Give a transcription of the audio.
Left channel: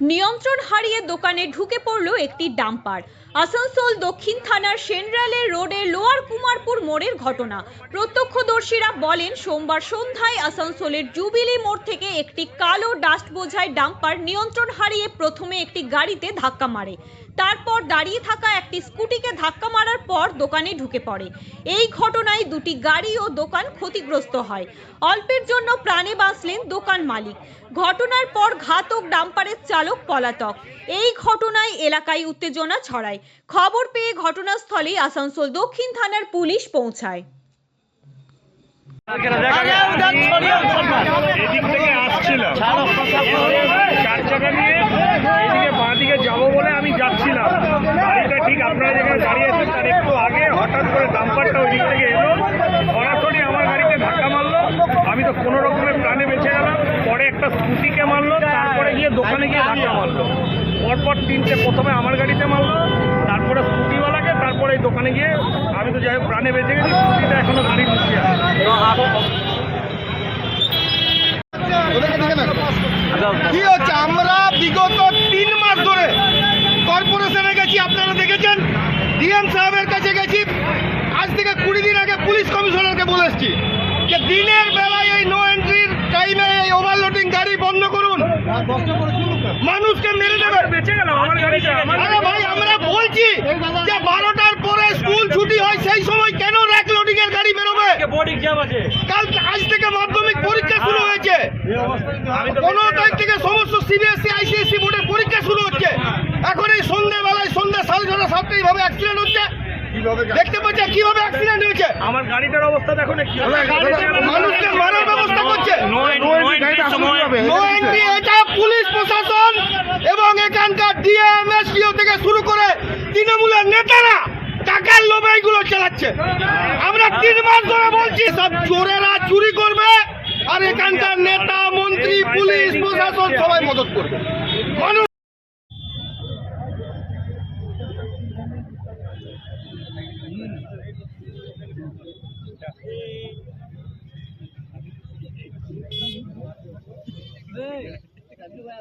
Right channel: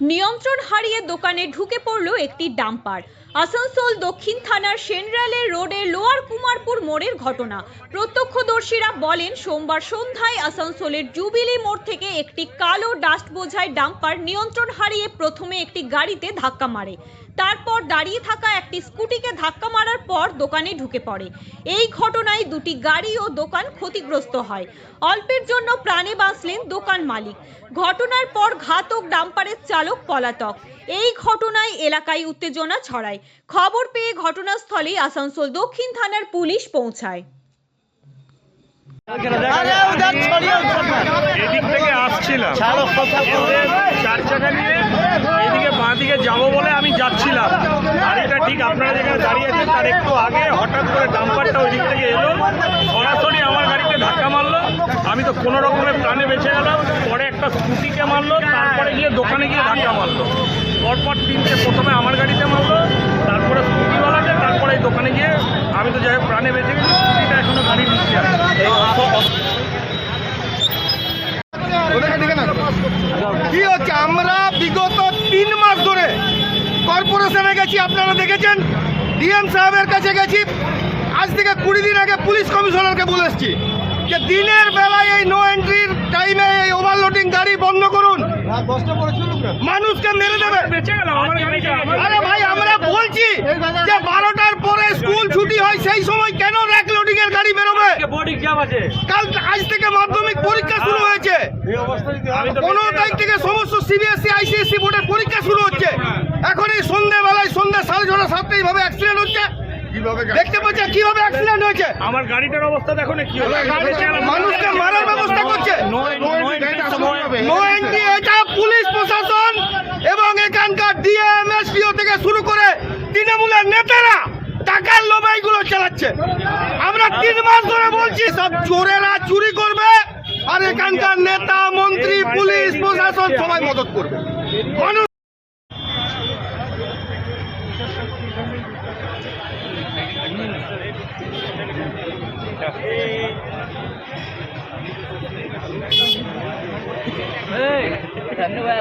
নিয়ন্ত্রণ হারিয়ে দোকানে ঢুকে পড়ল একটি ডাম্পার। আসানসোল দক্ষিণ থানার সেন্ট্রালে রোডের লোয়ার কুমারপুর মোড়ের ঘটনা। প্রত্যক্ষদর্শীরা বলেন, সোমবার সন্ধ্যায় আসানসোলের জুবিলি মোড় থেকে একটি কালো ডাস্ট বোঝাই ডাম্পার নিয়ন্ত্রণ হারিয়ে প্রথমে একটি গাড়িতে ধাক্কা মারে, তারপর দাঁড়িয়ে থাকা একটি স্কুটিকে ধাক্কা মারার পর দোকানে ঢুকে পড়ে। এই ঘটনায় দুটি গাড়ি ও দোকান ক্ষতিগ্রস্ত হয়। অল্পের জন্য প্রাণে বাঁচলেন দোকান মালিক। ঘটনার পর ঘাতক ডাম্পারের চালক পলাতক। এই ঘটনায় এলাকায় উত্তেজনা ছড়ায়। খবর পেয়ে ঘটনাস্থলে আসানসোল দক্ষিণ থানার পুলিশ পৌঁছায়। এদিক থেকে আসছিলাম, চার চাকা নিয়ে এইদিকে বাঁ দিকে যাবো বলে আমি যাচ্ছিলাম। গাড়িটা ঠিক আপনারা যেখানে দাঁড়িয়ে আছেন তার একটু আগে হঠাৎ করে ডাম্পারটা ওই দিক থেকে এলো, সরাসরি আমার গাড়িতে ধাক্কা মারলো। আমি তো কোনো রকমের প্রাণে বেঁচে গেলাম। পরে একটা স্কুটিকে মারলো, তারপরে গিয়ে দোকানে গিয়ে ধাক্কা মারলো। পরপর তিনটে, প্রথমে আমার গাড়িতে মারলো, তারপরে স্কুটিওয়ালাকে, তারপরে এই দোকানে গিয়ে আমি তো যাই হোক প্রাণে বেঁচে গেছি। স্কুটিটা এখনো গাড়ির নিচে আছে। কি হচ্ছে, আমরা বিগত 3 মাস ধরে কর্পোরেশনে গেছি, আপনারা দেখেছেন, ডিএম সাহেবের কাছে গেছি। আজ থেকে 20 দিন আগে পুলিশ কমিশনারকে বলে এসেছি যে দিনের বেলায় এই নো এন্ট্রির টাইমে এই ওভারলোডিং গাড়ি বন্ধ করুন, মানুষকে মেরে দেবে। আরে ভাই, আমরা বলছি যে 12টার পরে স্কুল ছুটি হয়, সেই সময় কেন র্যাক লোডিং এর গাড়ি বেরোবে? কাল আজ থেকে মাধ্যমিক পরীক্ষা শুরু হয়েছে, 15 তারিখ থেকে সমস্ত সিবিএসসি আইসিএসসি বোর্ডের পরীক্ষা শুরু হচ্ছে। এখন এই সন্ধ্যেবেলায়, সন্ধ্যা 6:30 7টা এইভাবে অ্যাক্সিডেন্ট হচ্ছে। দেখতে পাচ্ছে কিভাবে অ্যাক্সিডেন্ট হয়েছে। আমার গাড়িটার অবস্থা দেখো না, কি মানুষকে মারার ব্যবস্থা করছে। নো এন্ট্রি, এটা পুলিশ প্রশাসন এবং এখানকার ডিএম এসপিও থেকে শুরু করে তৃণমূলের নেতারা টাকার লোভে এইগুলো চালাচ্ছে। আমরা 3 মাস ধরে বলছি সব চোরেরা চুরি করবে, আর এখানকার নেতা মন্ত্রী পুলিশ প্রশাসন সবাই মদত করবে। মানুষ धन्यवाद।